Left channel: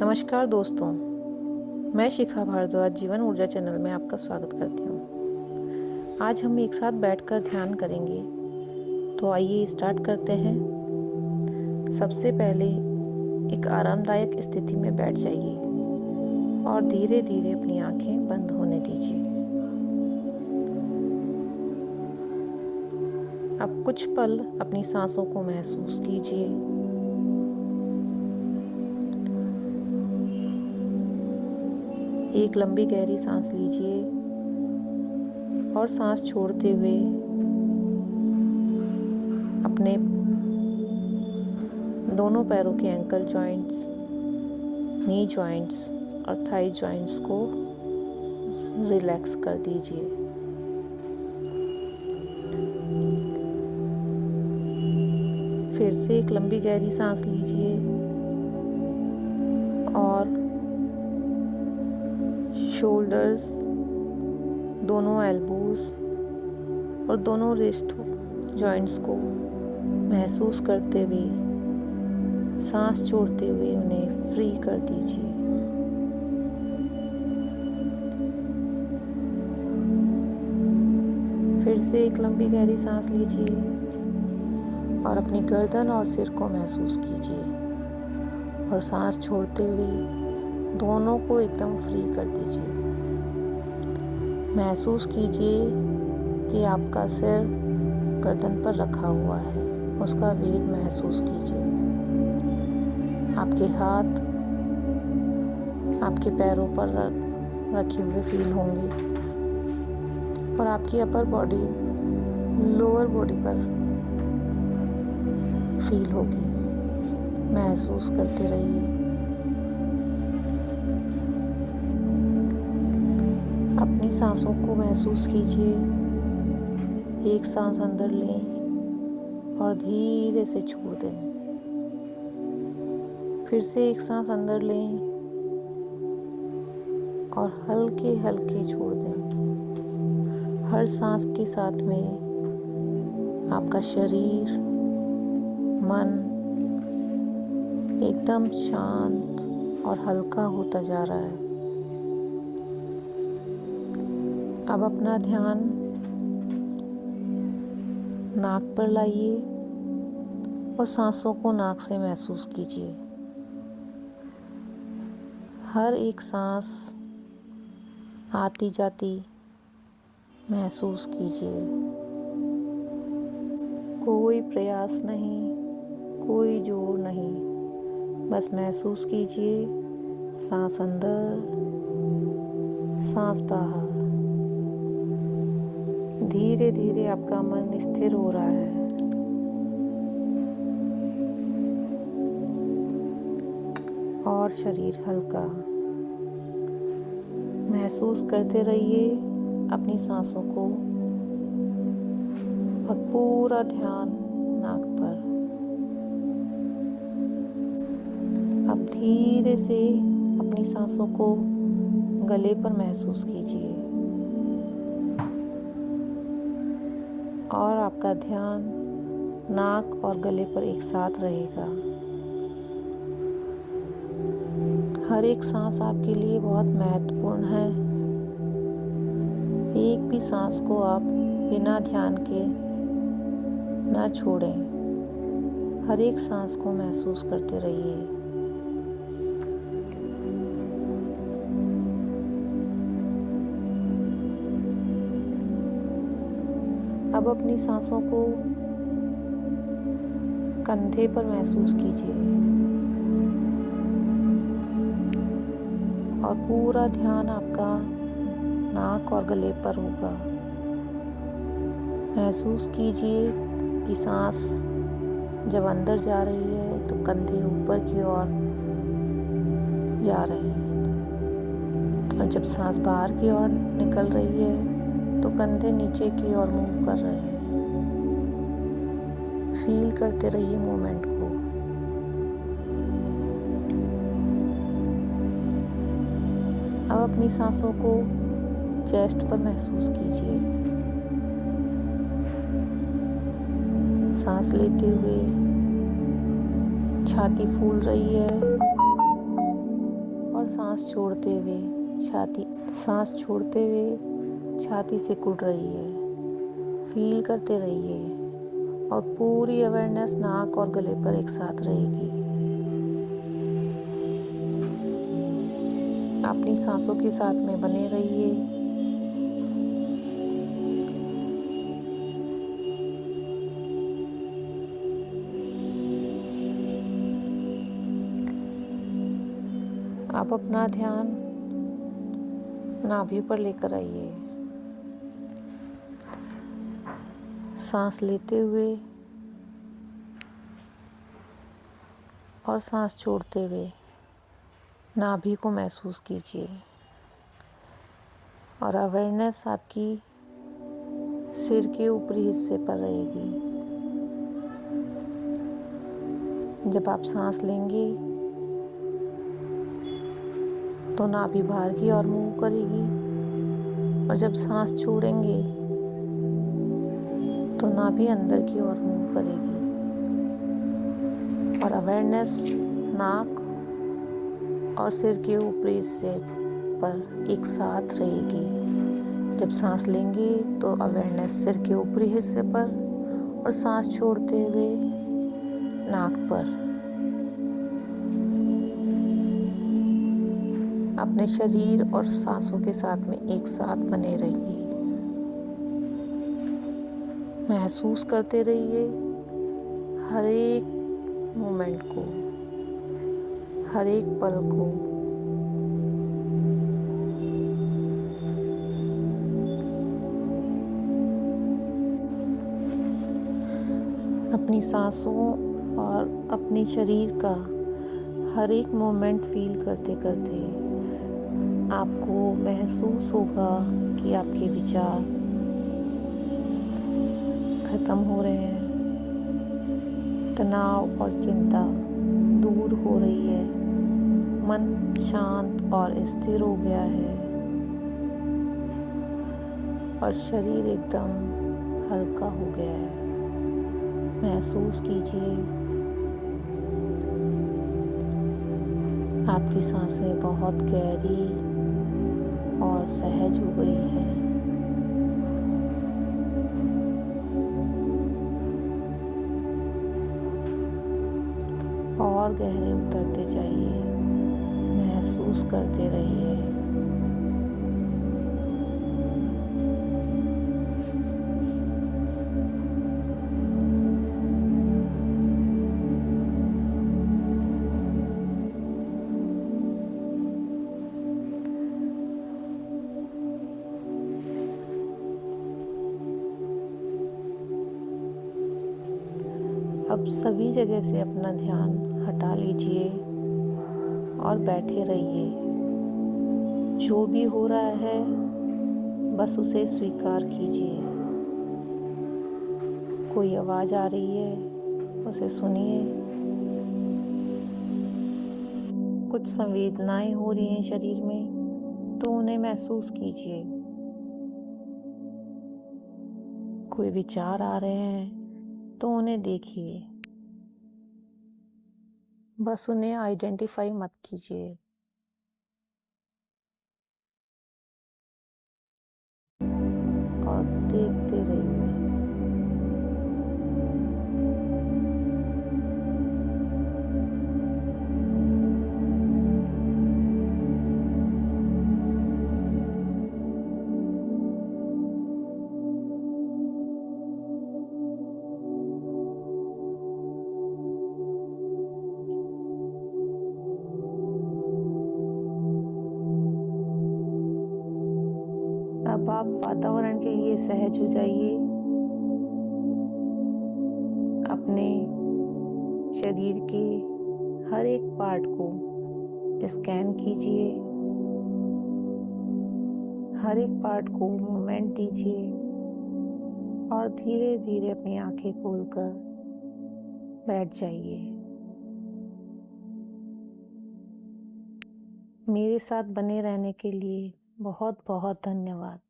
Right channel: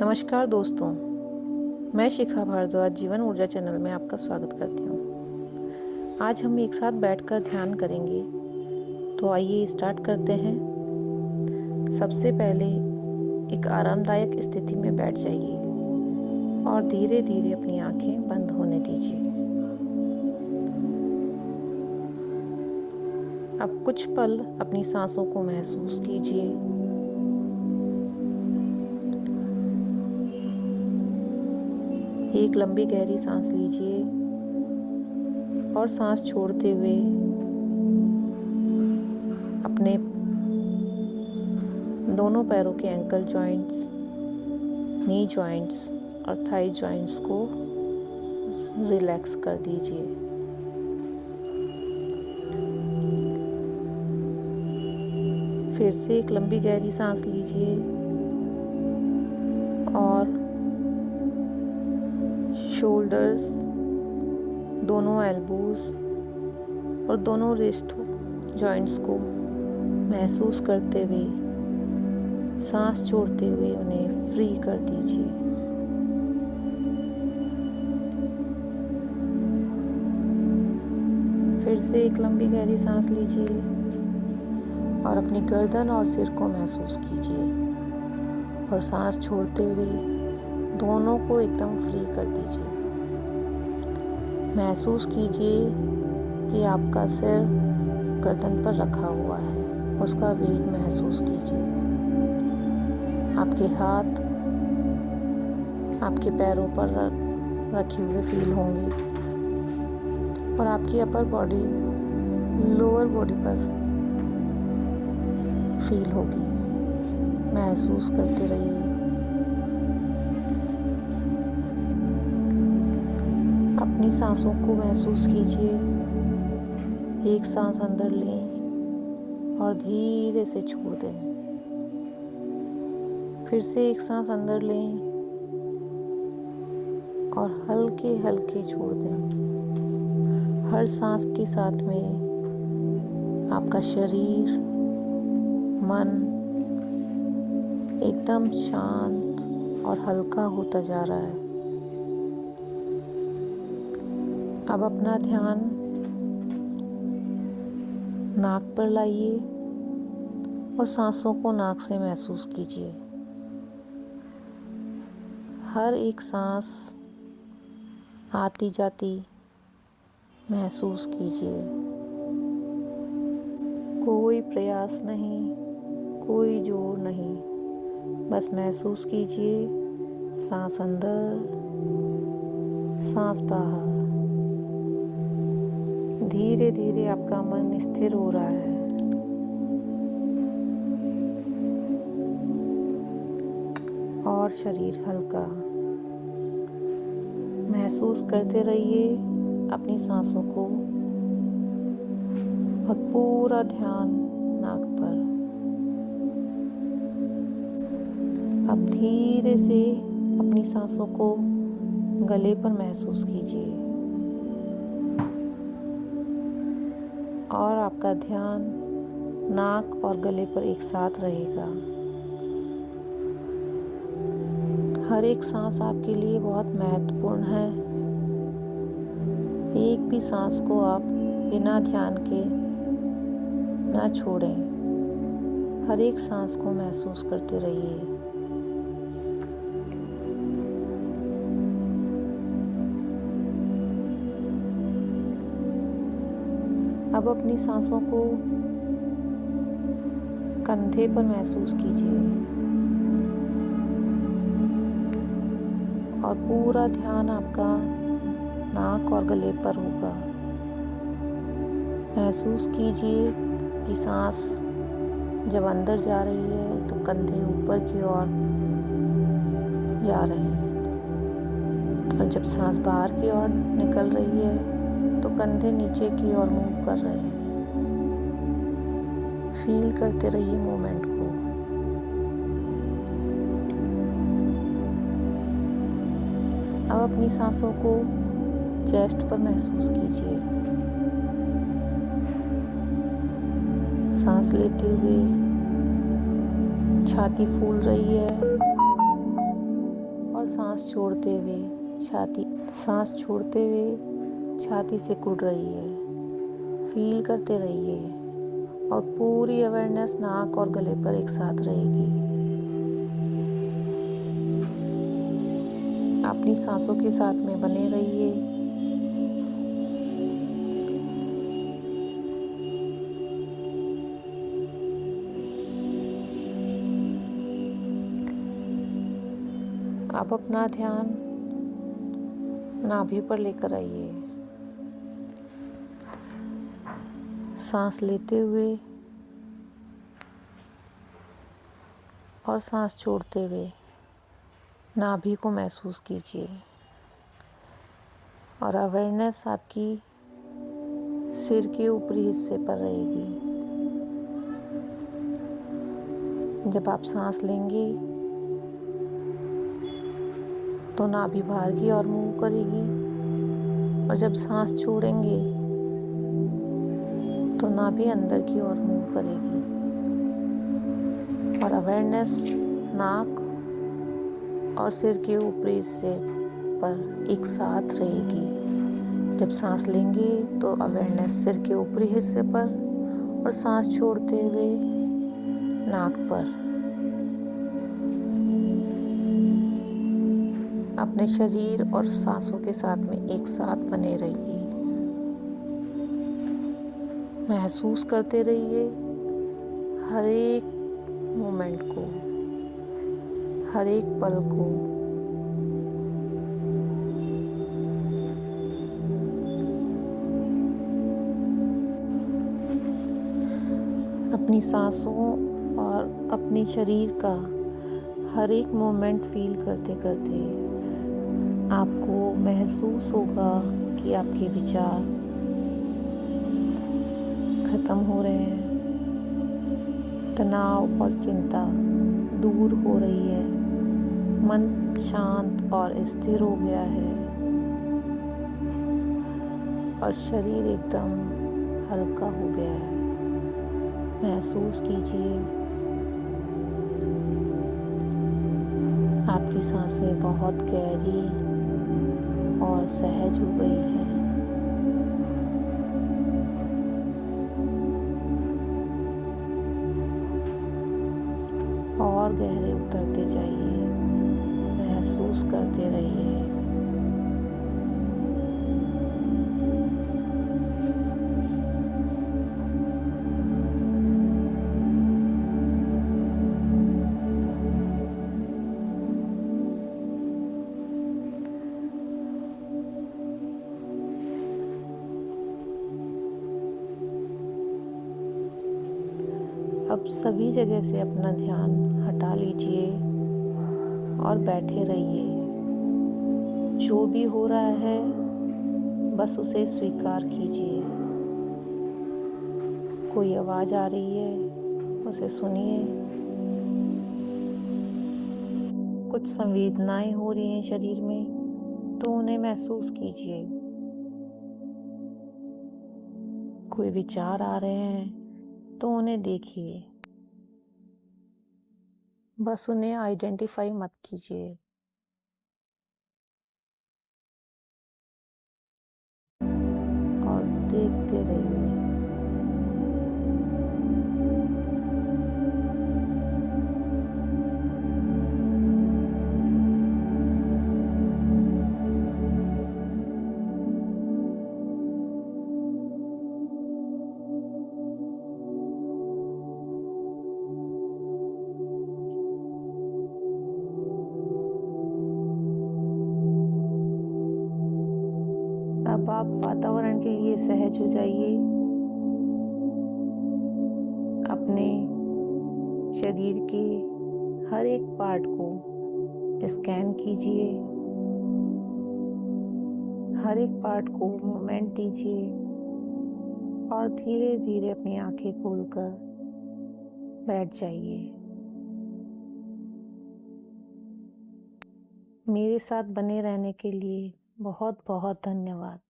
नमस्कार दोस्तों, मैं शिखा भारद्वाज जीवन ऊर्जा चैनल में आपका स्वागत करती हूँ। आज हम एक साथ बैठकर ध्यान करेंगे, तो आइए स्टार्ट करते हैं। सबसे पहले एक आरामदायक स्थिति में बैठ जाइए और धीरे धीरे अपनी आंखें बंद होने दीजिए। अब कुछ पल अपनी सांसों को महसूस कीजिए। एक लंबी गहरी सांस लीजिए और सांस छोड़ते हुए अपने दोनों पैरों के एंकल जॉइंट्स, नी जॉइंट्स और थाई जॉइंट्स को रिलैक्स कर दीजिए। फिर से एक लंबी गहरी सांस लीजिए और शोल्डर्स, दोनों एल्बोज और दोनों रिस्ट जॉइंट्स को महसूस करते हुए सांस छोड़ते हुए उन्हें फ्री कर दीजिए। फिर से एक लंबी गहरी सांस लीजिए और अपनी गर्दन और सिर को महसूस कीजिए और सांस छोड़ते हुए दोनों को एकदम फ्री कर दीजिए। महसूस कीजिए कि आपका सिर गर्दन पर रखा हुआ है, उसका वेट महसूस कीजिए। आपके हाथ आपके पैरों पर रखे हुए फील होंगे और आपकी अपर बॉडी लोअर बॉडी पर फील होगी। महसूस करते रहिए। अपनी सांसों को महसूस कीजिए। एक सांस अंदर लें और धीरे से छोड़ दें। फिर से एक सांस अंदर लें और हल्के हल्के छोड़ दें। हर सांस के साथ में आपका शरीर, मन एकदम शांत और हल्का होता जा रहा है। अब अपना ध्यान नाक पर लाइए और सांसों को नाक से महसूस कीजिए। हर एक सांस आती जाती महसूस कीजिए। कोई प्रयास नहीं, कोई जोर नहीं, बस महसूस कीजिए। सांस अंदर, सांस बाहर। धीरे धीरे आपका मन स्थिर हो रहा है और शरीर हल्का। महसूस करते रहिए अपनी सांसों को और पूरा ध्यान नाक पर। अब धीरे से अपनी सांसों को गले पर महसूस कीजिए और आपका ध्यान नाक और गले पर एक साथ रहेगा। हर एक सांस आपके लिए बहुत महत्वपूर्ण है। एक भी सांस को आप बिना ध्यान के ना छोड़ें। हर एक सांस को महसूस करते रहिए। अब अपनी सांसों को कंधे पर महसूस कीजिए और पूरा ध्यान आपका नाक और गले पर होगा। महसूस कीजिए कि सांस जब अंदर जा रही है तो कंधे ऊपर की ओर जा रहे हैं और जब सांस बाहर की ओर निकल रही है तो कंधे नीचे की ओर मूव कर रहे हैं। फील करते रहिए मूवमेंट को। अब अपनी सांसों को चेस्ट पर महसूस कीजिए। सांस लेते हुए छाती फूल रही है और सांस छोड़ते हुए छाती से कुड़ रही है। फील करते रहिए और पूरी अवेयरनेस नाक और गले पर एक साथ रहेगी। अपनी सांसों के साथ में बने रहिए। अब अपना ध्यान नाभि पर लेकर आइए। सांस लेते हुए और सांस छोड़ते हुए नाभि को महसूस कीजिए और अवेयरनेस आपकी सिर के ऊपरी हिस्से पर रहेगी। जब आप सांस लेंगे तो नाभि बाहर की ओर मूव करेगी और जब सांस छोड़ेंगे तो नाभि अंदर की ओर मूव करेगी और अवेयरनेस नाक और सिर के ऊपरी हिस्से पर एक साथ रहेगी। जब सांस लेंगे तो अवेयरनेस सिर के ऊपरी हिस्से पर और सांस छोड़ते हुए नाक पर। अपने शरीर और सांसों के साथ में एक साथ बने रहिए। महसूस करते रहिए हर एक मोमेंट को, हर एक पल को। अपनी सांसों और अपने शरीर का हर एक मोमेंट फील करते करते आपको महसूस होगा कि आपके विचार खत्म हो रहे हैं, तनाव और चिंता दूर हो रही है, मन शांत और स्थिर हो गया है और शरीर एकदम हल्का हो गया है। महसूस कीजिए आपकी सांसें बहुत गहरी और सहज हो गई हैं। और गहरे उतरते जाइए, महसूस करते रहिए। अब सभी जगह से अपना ध्यान हटा लीजिए और बैठे रहिए। जो भी हो रहा है बस उसे स्वीकार कीजिए। कोई आवाज़ आ रही है उसे सुनिए। कुछ संवेदनाएं हो रही हैं शरीर में तो उन्हें महसूस कीजिए। कोई विचार आ रहे हैं तो उन्हें देखिए, बस उन्हें आइडेंटिफाई मत कीजिए। और देखते रहिए। अब आप वातावरण के लिए सहज हो जाइए। अपने शरीर के हर एक पार्ट को स्कैन कीजिए, हर एक पार्ट को मूवमेंट दीजिए और धीरे धीरे अपनी आंखें खोलकर बैठ जाइए। मेरे साथ बने रहने के लिए बहुत बहुत धन्यवाद।